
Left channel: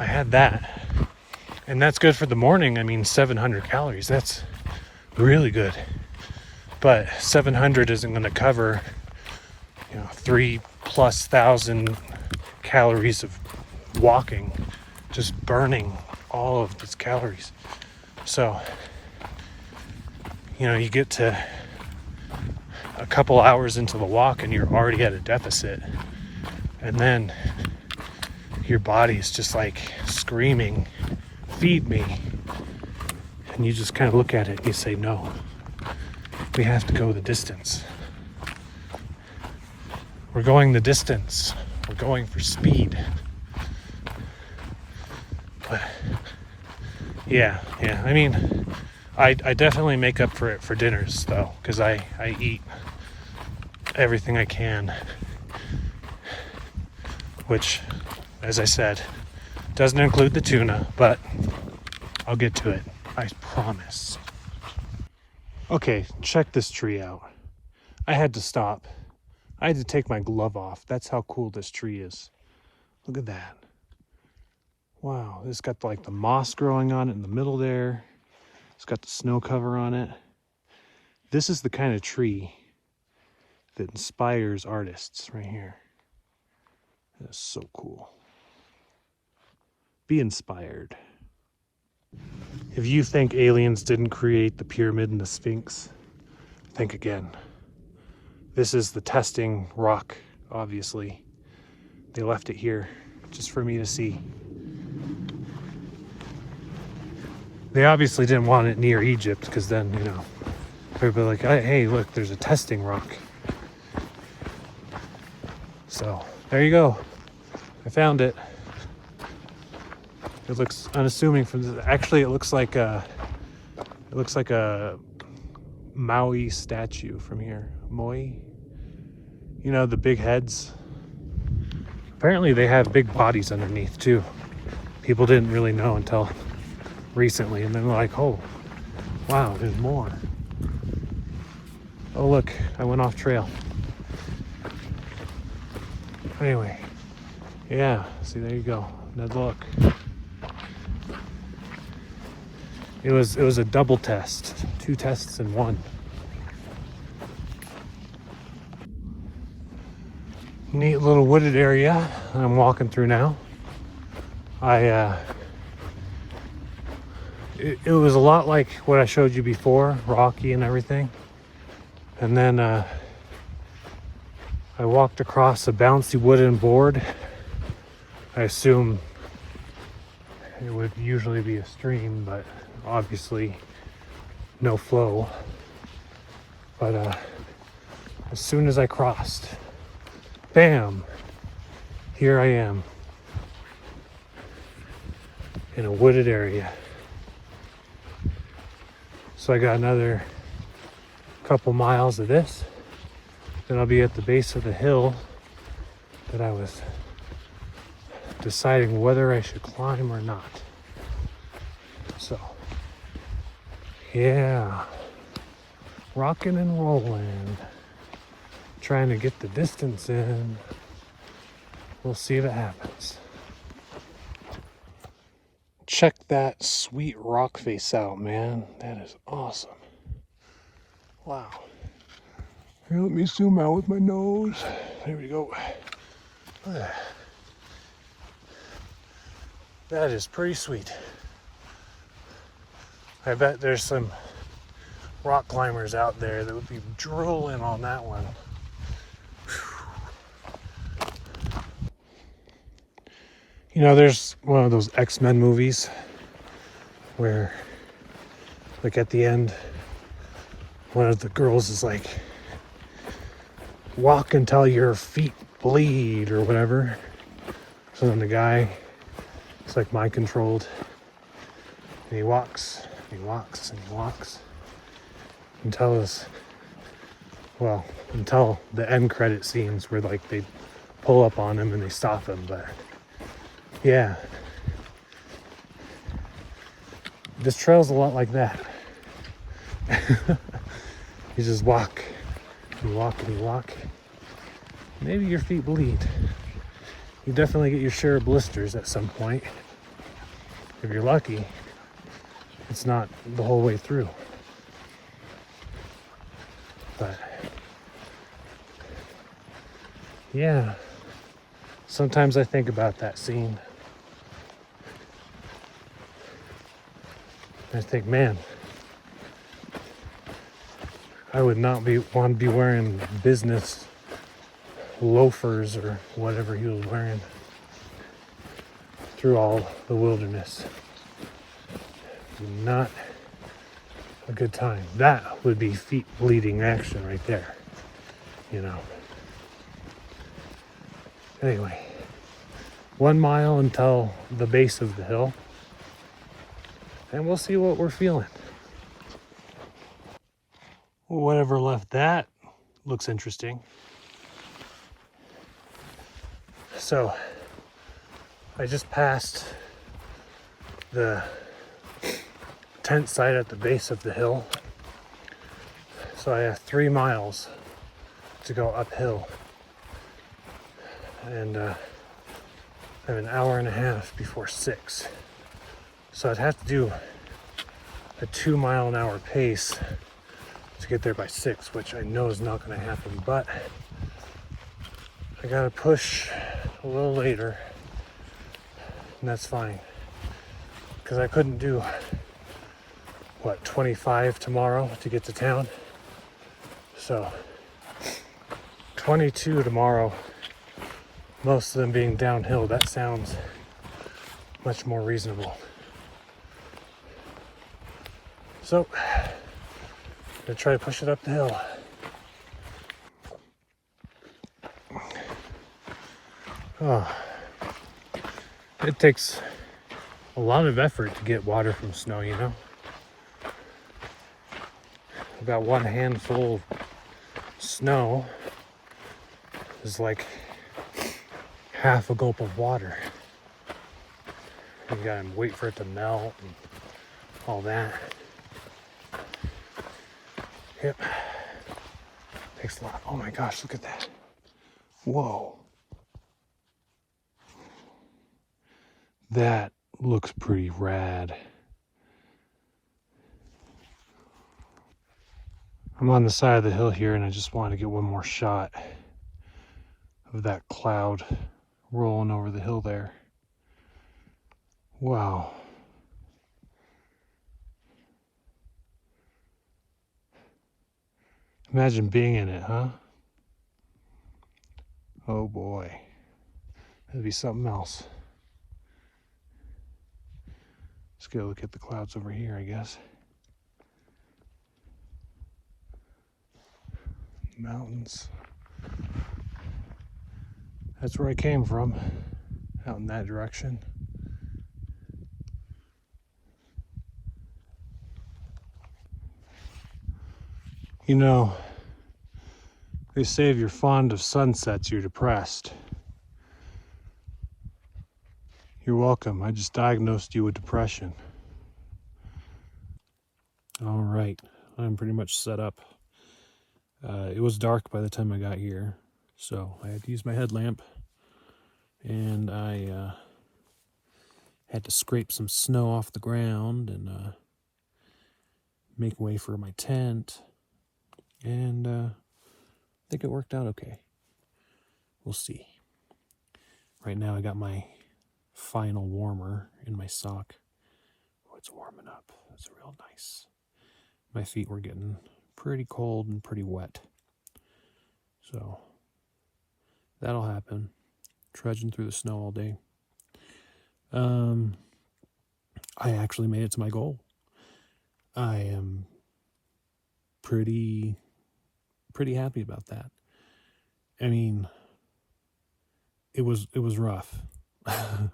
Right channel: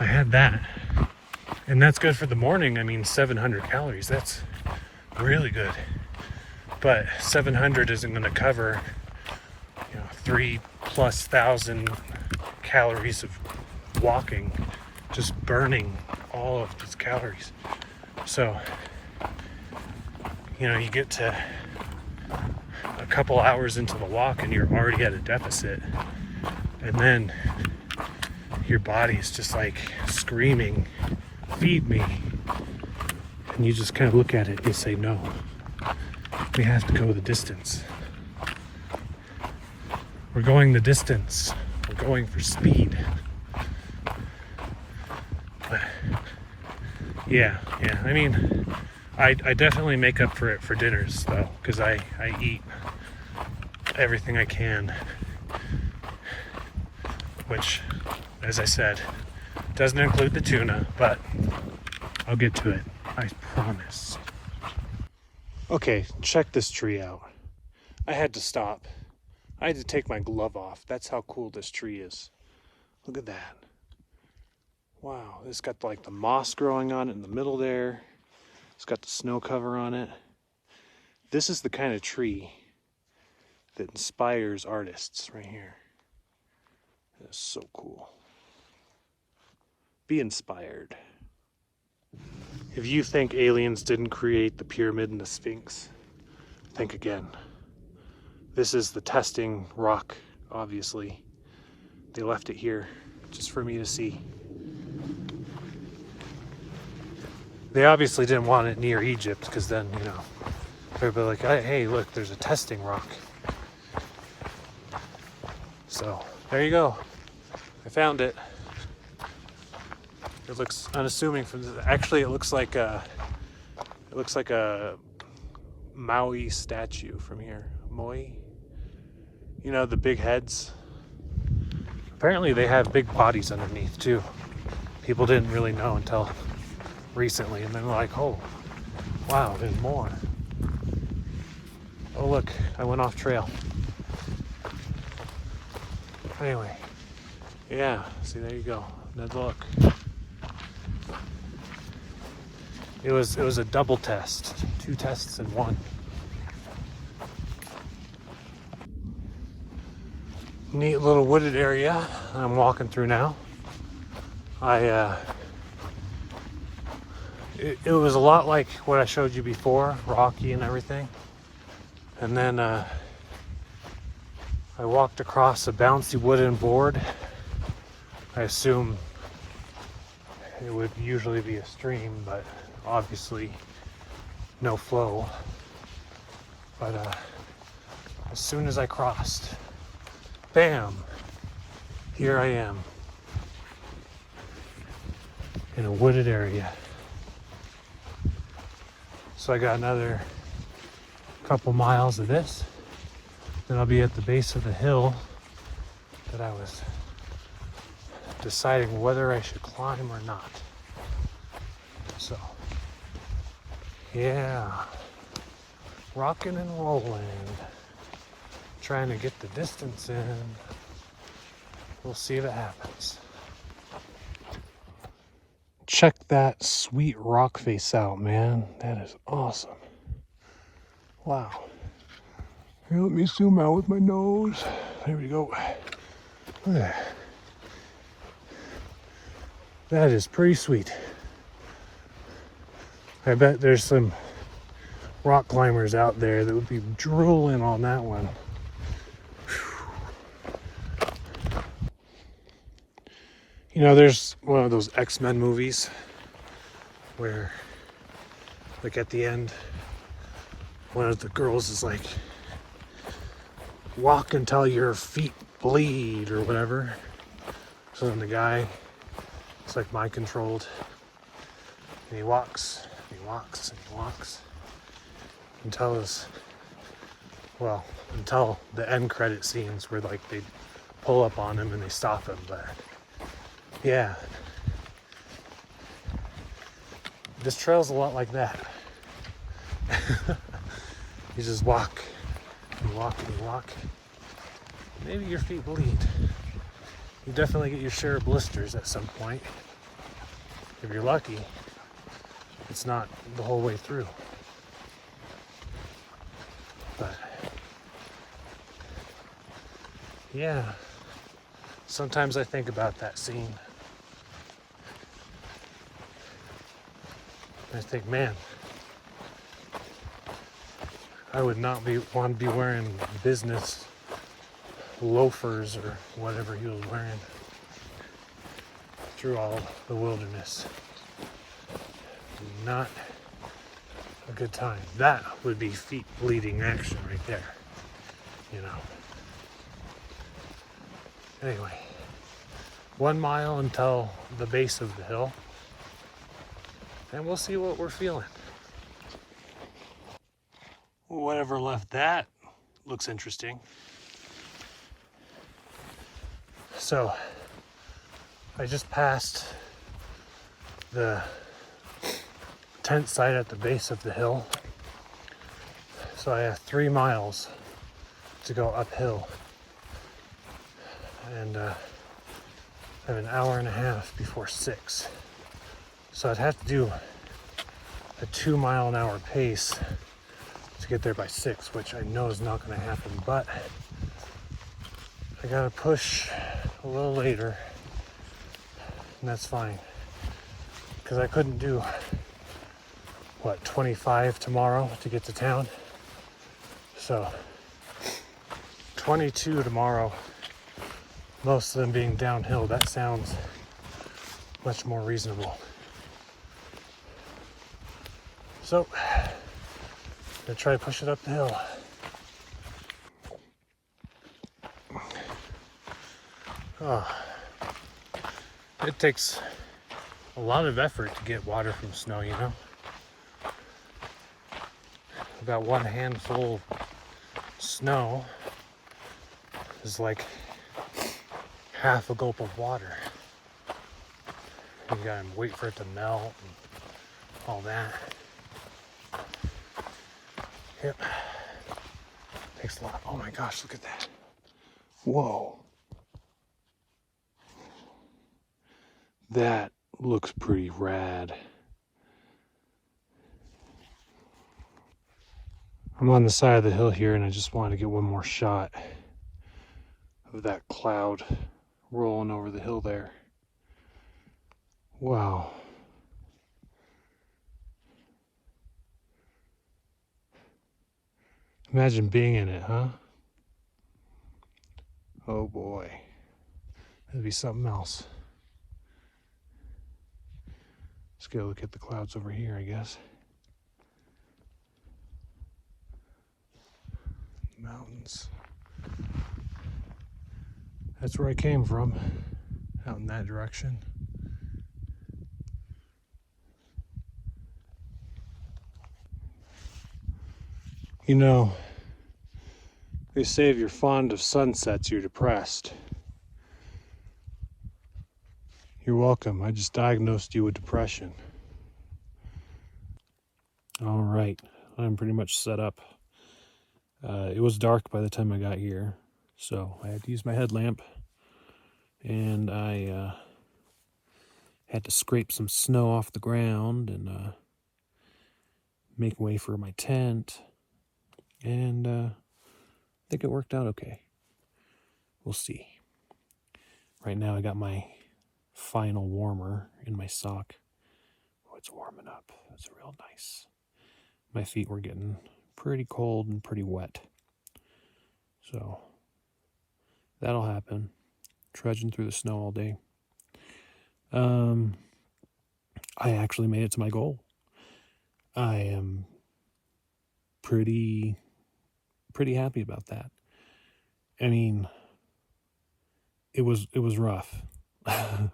I had that, And that's good for the morning. I mean, 700 calories, that's really good. But 700 isn't going to cover, 3,000+ calories of walking, just burning all of these calories. So, you get to a couple hours into the walk and you're already at a deficit. And then your body's just like screaming, feed me. And you just kind of look at it and you say, no, we have to go the distance. We're going the distance. We're going for speed. But yeah. I mean, I definitely make up for it for dinners though, because I eat everything I can, which, as I said, doesn't include the tuna, but I'll get to it, I promise. Okay, check this tree out. I had to stop. I had to take my glove off. That's how cool this tree is. Look at that. Wow, it's got like the moss growing on it in the middle there. It's got the snow cover on it. This is the kind of tree that inspires artists right here. That's so cool. Be inspired. If you think aliens didn't create the pyramid and the Sphinx, think again. This is the testing rock, obviously. They left it here just for me to see. They obviously didn't want it near Egypt, because then, everybody like, hey, look, there's a testing rock. So there you go. I found it. It looks unassuming from this. Actually, it looks like a Maui statue from here. Moi. The big heads. Apparently they have big bodies underneath too. People didn't really know until recently, and then they're like, oh, wow, there's more. Oh look, I went off trail. Anyway, yeah, see, there you go. Another look. It was a double test, 2 tests in one. Neat little wooded area I'm walking through now. It was a lot like what I showed you before, rocky and everything. And then I walked across a bouncy wooden board. I assume it would usually be a stream, but obviously no flow. But as soon as I crossed, bam, here I am in a wooded area. So I got another couple miles of this, then I'll be at the base of the hill that I was deciding whether I should climb or not. So yeah, rocking and rolling, trying to get the distance in. We'll see if it happens. Check that sweet rock face out, man. That is awesome. Wow. Here, let me zoom out with my nose. There we go. That is pretty sweet. I bet there's some rock climbers out there that would be drooling on that one. There's one of those X-Men movies where, like, at the end, one of the girls is like, walk until your feet bleed or whatever. So then the guy is like mind controlled, and he walks and he walks and he walks until the end credit scenes where like they pull up on him and they stop him. But yeah, this trail's a lot like that. You just walk, you walk, and you walk. Maybe your feet bleed. You definitely get your share of blisters at some point. if you're lucky, it's not the whole way through. But yeah, sometimes I think about that scene. I think, man, I would not want to be wearing business loafers or whatever he was wearing through all the wilderness. Not a good time. That would be feet bleeding action right there, you know. Anyway, 1 mile until the base of the hill, and we'll see what we're feeling. Whatever left that looks interesting. So I just passed the tent site at the base of the hill. So I have 3 miles to go uphill. And I have an hour and a half before 6. So I'd have to do a 2-mile-an-hour pace to get there by 6, which I know is not going to happen, but I gotta push a little later, and that's fine, because I couldn't do, 25 tomorrow to get to town, so 22 tomorrow, most of them being downhill. That sounds much more reasonable. So I'm gonna try to push it up the hill. Oh, it takes a lot of effort to get water from snow, you know. I've got one handful of snow is like half a gulp of water. You gotta wait for it to melt and all that. Yep. Takes a lot. Oh my gosh, look at that. Whoa. That looks pretty rad. I'm on the side of the hill here, and I just wanted to get one more shot of that cloud rolling over the hill there. Wow. Imagine being in it, huh? Oh boy. It'd be something else. Let's go look at the clouds over here, I guess. Mountains. That's where I came from, out in that direction. You know, they say if you're fond of sunsets, you're depressed. You're welcome. I just diagnosed you with depression. All right, I'm pretty much set up. It was dark by the time I got here, so I had to use my headlamp, and I had to scrape some snow off the ground and make way for my tent, and I think it worked out okay. We'll see. Right now I got my final warmer in my sock. Oh, it's warming up. It's real nice. My feet were getting pretty cold and pretty wet. So that'll happen. Trudging through the snow all day. I actually made it to my goal. I am pretty happy about that. I mean, it was rough. I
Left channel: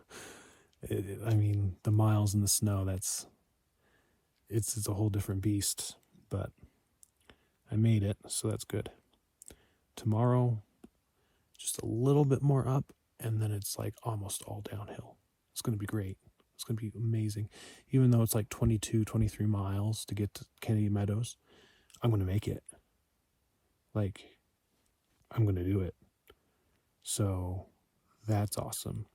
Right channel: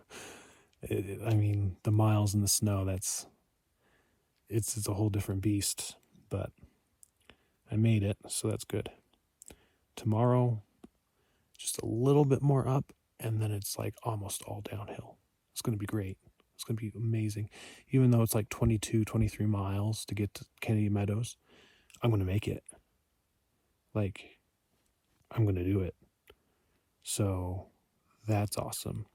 mean, the miles in the snow, it's a whole different beast, but I made it, so that's good. Tomorrow, just a little bit more up, and then it's like almost all downhill. It's going to be great. It's going to be amazing. Even though it's like 22, 23 miles to get to Kennedy Meadows, I'm going to make it. Like, I'm going to do it. So that's awesome.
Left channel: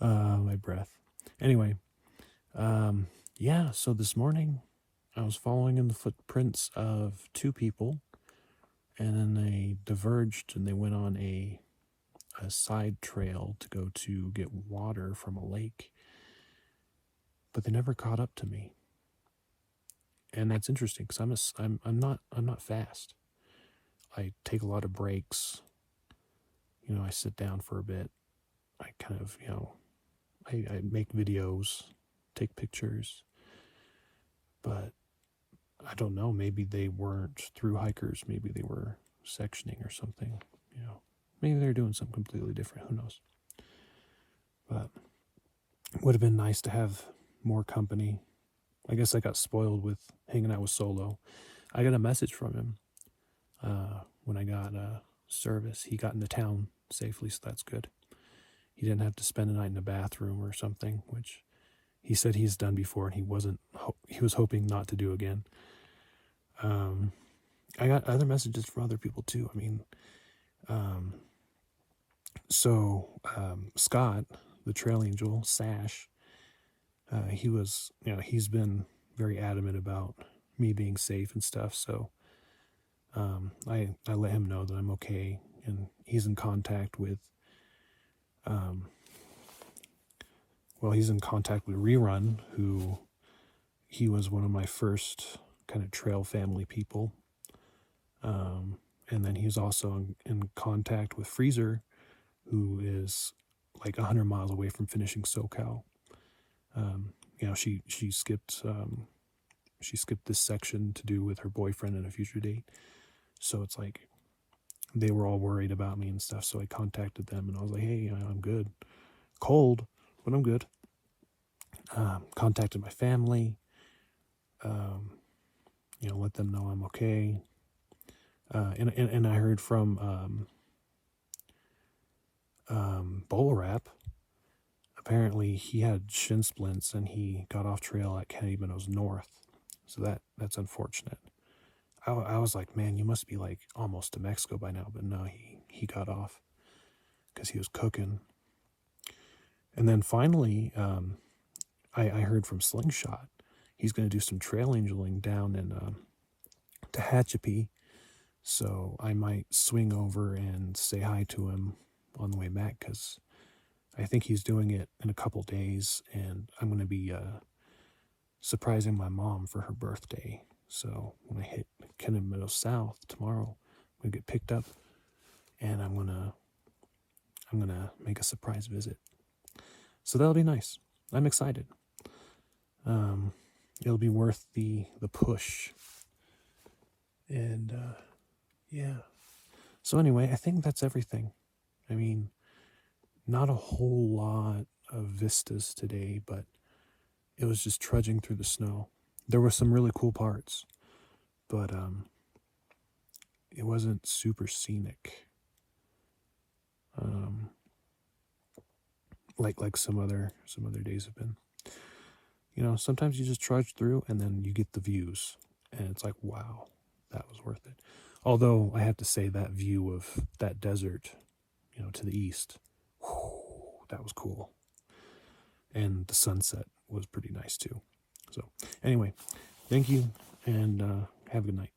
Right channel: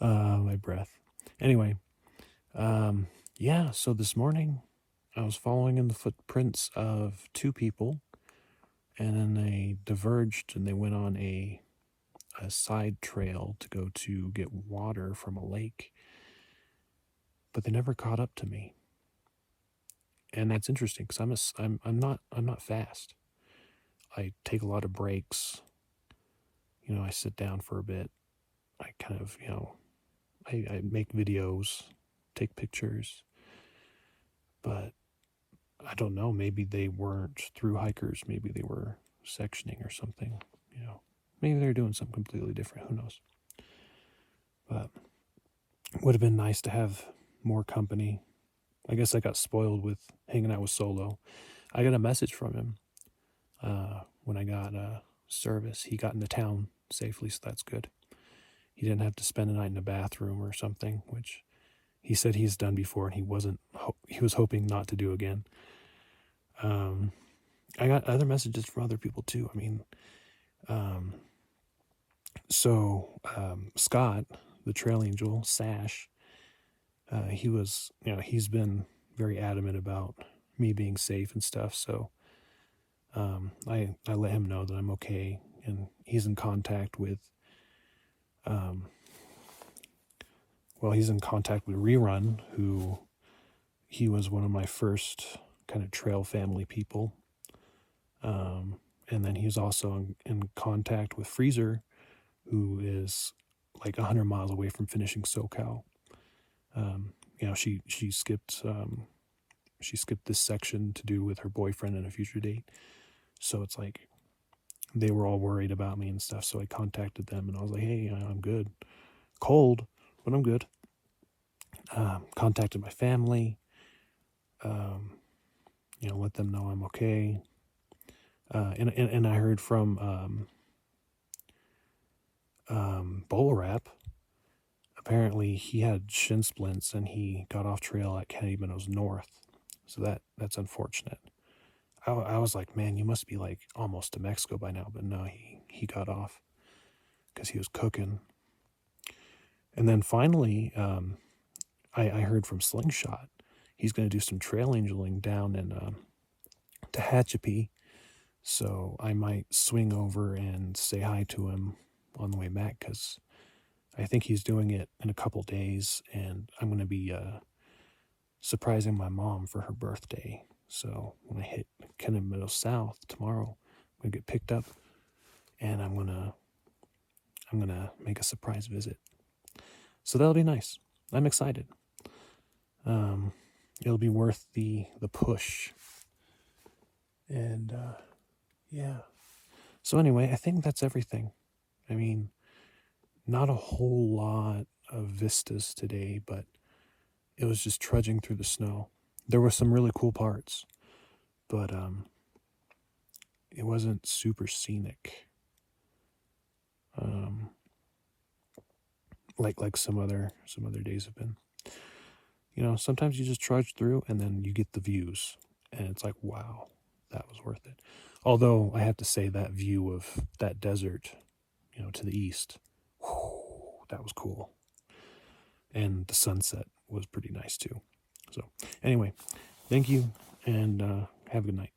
My breath. Anyway, yeah, so this morning I was following in the footprints of two people, and then they diverged and they went on a side trail to go to get water from a lake, but they never caught up to me. And that's interesting because I'm not fast. I take a lot of breaks. You know, I sit down for a bit. I kind of, I make videos, take pictures, but I don't know, maybe they weren't through hikers, maybe they were sectioning or something, maybe they're doing something completely different, who knows. But it would have been nice to have more company. I guess I got spoiled with hanging out with Solo. I got a message from him when I got service. He got into town safely, so that's good. He didn't have to spend a night in a bathroom or something, which he said he's done before, and he was hoping not to do again. I got other messages from other people too. I mean, Scott, the trail angel, Sash, he's been very adamant about me being safe and stuff. So I let him know that I'm okay, and he's in contact with Rerun, who he was one of my first kind of trail family people. And then he's also in contact with Freezer, who is like 100 miles away from finishing SoCal. She skipped this section to do with her boyfriend and a future date. So it's like they were all worried about me and stuff. So I contacted them and I was like, hey, I'm good. Cold, but I'm good. Contacted my family. Let them know I'm okay. And I heard from Bowler Wrap. Apparently he had shin splints and he got off trail at Kennedy Meadows North. So that's unfortunate. I was like, man, you must be like almost to Mexico by now. But no, he got off because he was cooking. And then finally, I heard from Slingshot. He's going to do some trail angeling down in Tehachapi. So I might swing over and say hi to him on the way back, because I think he's doing it in a couple days, and I'm going to be surprising my mom for her birthday. So when I hit Kennedy Meadows South tomorrow, I'm going to get picked up, and I'm gonna make a surprise visit. So that'll be nice. I'm excited. It'll be worth the push. And yeah. So anyway, I think that's everything. I mean, not a whole lot of vistas today, but it was just trudging through the snow. There were some really cool parts, but it wasn't super scenic. Like some other days have been. Sometimes you just trudge through and then you get the views, and it's like, wow, that was worth it. Although I have to say, that view of that desert, to the east, whew, that was cool. And the sunset was pretty nice too. So anyway, thank you, and have a good night.